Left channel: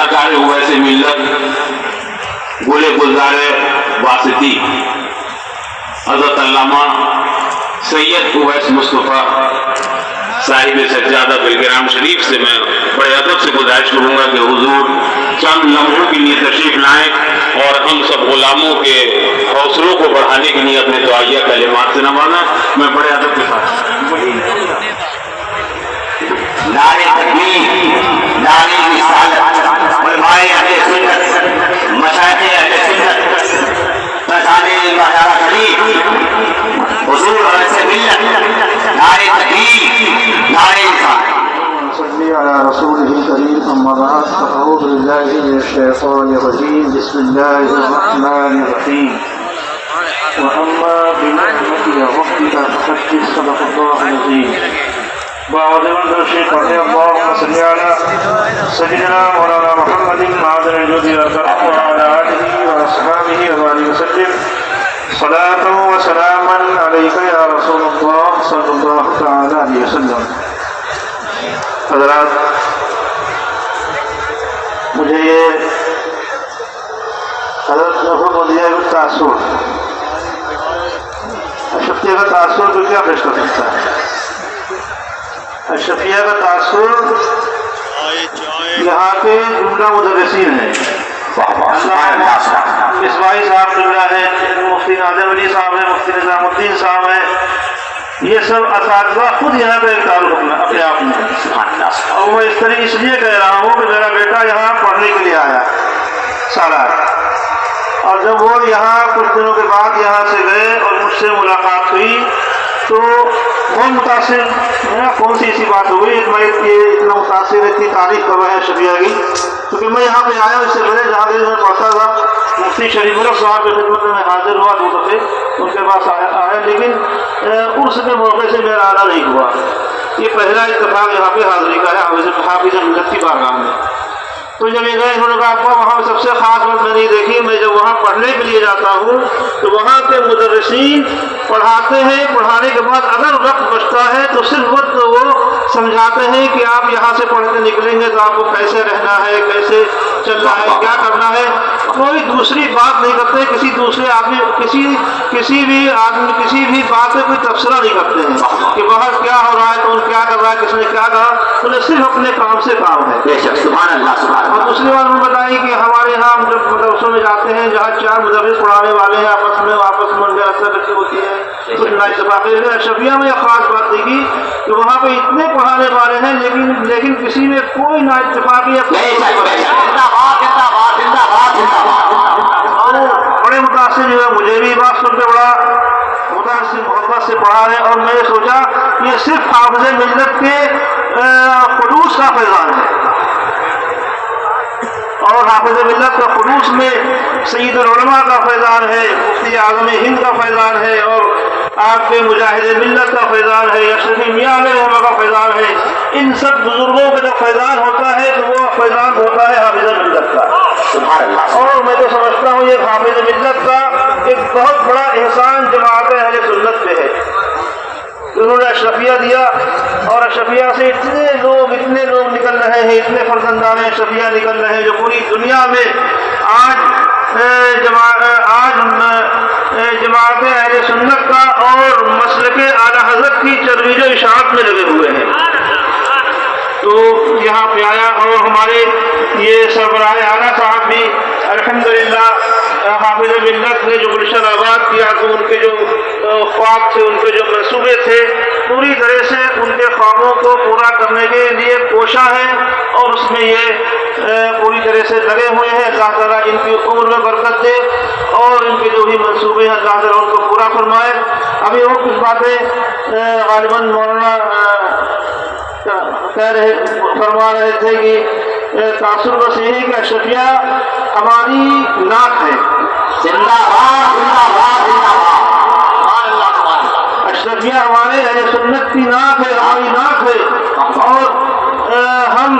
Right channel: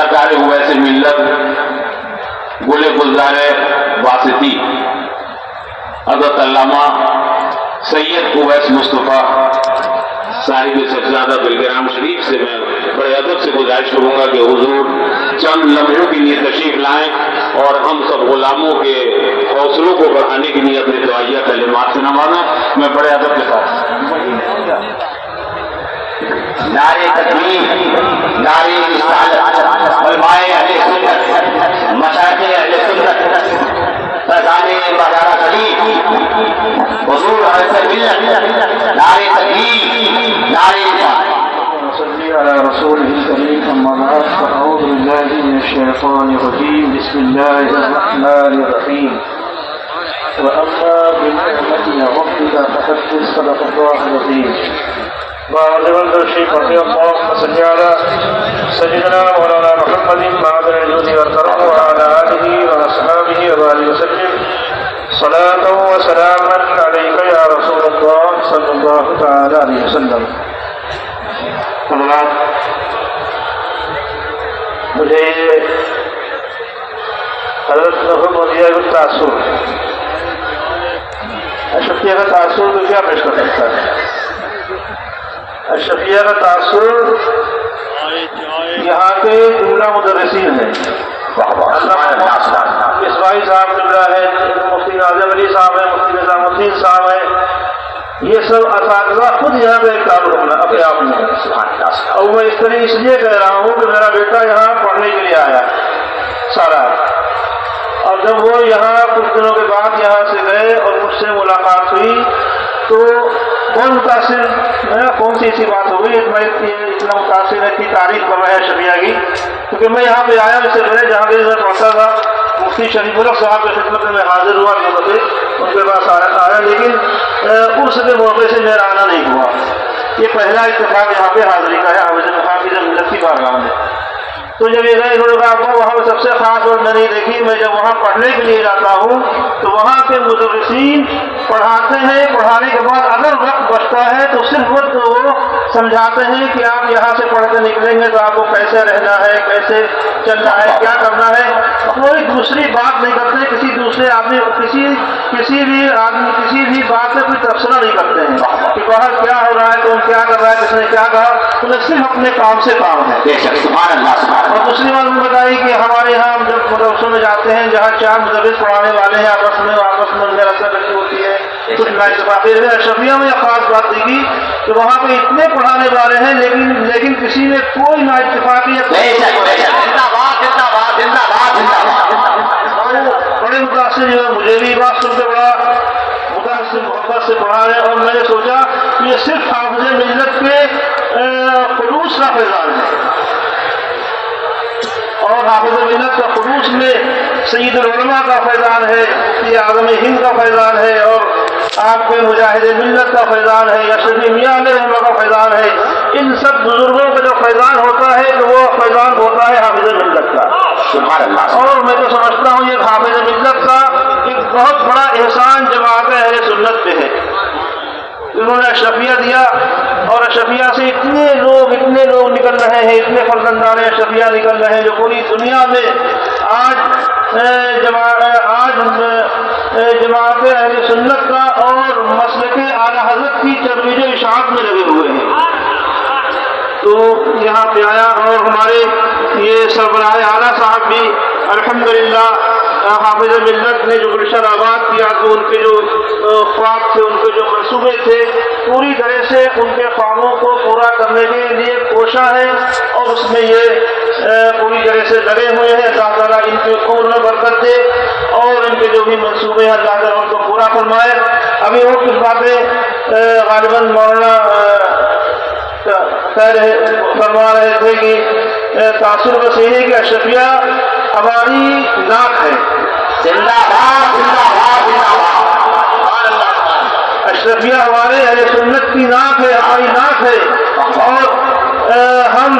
سرکار اویس ملت گل گلزار واسطی حضرت علامہ سید اویس مصطفیٰ صاحب سجادہ بالگرام شریف سے میں بڑے ادب سے گزارش کروں گا کہ حضور چند لمحوں کے لیے تشریف لائیں اور ہم سب غلاموں کے حوصلوں کو بڑھانے کی نیت میں دعائیہ کلمات سے نوازا. میں بڑے ادب کے ساتھ نعرے تکبیر، نعرے رسالت، علماء اہل سنت، مشائخ اہل سنت، فضائل مزارہ شریف، حضور اویس ملت، نعرے تکبیر، نعرے رسالت. صلی علی رسولہ الکریم. اما بعد فاعوذ باللہ من الشیطان الرجیم. بسم اللہ الرحمن الرحیم. واما بنعمت ربک فحدث. صدق اللہ العظیم. باوجود الشيخ رضي الله صلى على سيدنا مولانا محمد معدن الجود والكرم وعلى آله وأصحابه وبارك وسلم صلاة وسلاما عليك يا رسول الله صلى الله تعالى عليه وسلم. حضرات، مجھے حضرت نے حکم دیا ہے تاثر. اشرفیہ کا تاثر کو کیا پیش کر سکتا ہے؟ اشرفیہ کا تاثر یہاں کے جملہ مدرسین ہیں. مصباحی صاحب جملہ ہے، مفتی ناظم علی صاحب ہیں، مفتی نظام الدین صاحب ہیں. یہ سب اساتذہ خود یہاں کا ایک تعلق ہے اپنے آپ میں. اور میں اس لیے کہہ رہا ہوں کہ میرا بیٹا یہاں پڑھنے کے لیے آیا سارا، اور جب وہ یہاں کچھ دنوں کے بعد یہاں سے گئے اور مجھ سے ملاقات ہوئی تو کون متاثر، کون سی ایسی بات ہو گئی میں اتنا متاثر اتنی تعریف کر رہے ہیں شفیع کی. کیونکہ میں یہاں پہ آیا اس سے پہلے جہاں میں پڑھتا تھا مفتی شریف الحق صاحب کی خدمت میں حاضر ہوا دو دفعے ان کے پاس آیا، لیکن عرس کے موقع سے میرا آنا نہیں ہوا. یہ پہلا اتفاق یہاں پہ حاضری کا ہے حافظ ملت کی بارگاہ میں. تو جب یہ گئے انہوں نے کہا ابا وہاں سب سے خاص بات میں نہیں دیکھی، میں جب وہاں پڑھنے کے لیے جاتا ہوں تو وہاں کے مدرسین پڑھاتے ہیں، پڑھانے کے بعد اگر وقت بچتا ہے تو صرف وقت وہ سمجھاتے ہیں کہ آپ یہاں سے پڑھ کے نکلیں گے تو آپ کو کیسے رہنا ہے، کیسے چلنا ہے، کیا کرنا ہے. کوئی دوسری بات نہیں کرتے، کسی دوسرے آدمی کسی بھی بات سے کوئی تبصرہ نہیں کرتے ہیں کہ باہر کیا ہو رہا ہے، کون کیا کر رہا ہے، کس نے کیا کہا. انہیں صرف اپنے کام سے کام ہے. سبحان اللہ. اور دوسری بات میں بتائی کہ ہمارے یہاں ہم جب مدرسوں میں جاتے ہیں جہاں چار مدرس پڑھانے والے ہیں آپس میں مل کر اکثر بچے ہوتی ہے کچھ نا اتفاقی. اشرفیہ میں یہ خاص بات دیکھی کہ وہاں پہ اتنے پڑھانے والے ہیں لیکن کسی نے کوئی نا اتفاقی بڑے متاثر جو ہے. مجھے بھی بات سن کے بڑا متاثر محبت سے پڑھا ہے اور میں نے سوچا یہ صرف حافظ ملت کے خلوص کا فیضان ہے. اور حافظ ملت کا خلوص میں سید العلماء کا فیضان ہے، مفتی اعظم ہند کا فیضان ہے، اور آپ کے مجاہد ملت کا فیضان ہے، اشرفی میاں علیہ کا فیضان ہے. ان سب بزرگوں کا جو فیضان ہوتا ہے تو وہ فیضان ہوتا ہے حافظ ملت کا. اور میں تو سمجھتا ہوں یہ حافظ ملت کا ایک بہت بڑا احسان جماعت اہل سنت پہ ہے. انہوں نے اشرفیہ دیا اور اشرفیہ سے اتنے لوگ نکل رہے ہیں، اتنے فرزندان اشرفیہ نکل رہے ہیں جو پوری دنیا میں آج جماعت اہل سنت کا اور مسلک اعلیٰ حضرت کی ترویج و اشاعت میں لگے ہوئے ہیں. تو یہاں پہ آیا اور ہمارے یہ سربراہ اعلیٰ صاحب بھی الحمدللہ حافظ ملت نے جو گلشن آباد کیا تو ان کے جو خواب تھے، ان کے جو منصوبے تھے، پوری طرح سے ان کے خوابوں کو پورا کرنے کے لیے کوشاں ہے اور اس میں یہ پوری طرح سے لگے ہوئے ہیں. اللہ تعالیٰ ان کی عمر میں برکت دے اور ان کے جو بھی منصوبے ہیں اللہ تعالیٰ ان کو پورا فرمائے. ابھی اور کچھ باتیں غالباً مولانا فرما رہے تھے کہ تاثر بس یہ ہے کہ اشرفیہ ہماری نعت ہے. زندہ باد زندہ باد زندہ باد. اشرفیہ ہمارے اہل سنت کی نعت ہے، ہماری نعت ہے. اور ہم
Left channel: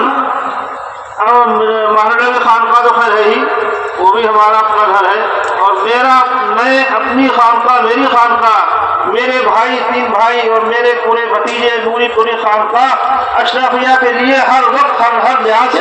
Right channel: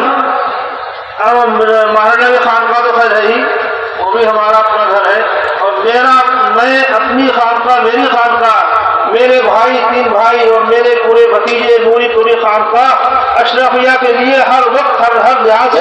مہاراجہ کے خانقاہ تو خیر ہے ہی، وہ بھی ہمارا اپنا گھر ہے. اور میں اپنی خانقاہ، میری خانقاہ، میرے بھائی 3 بھائی اور میرے پورے بھتیجے نوری پوری خانقاہ اشرفیہ کے لیے ہر وقت ہر لحاظ سے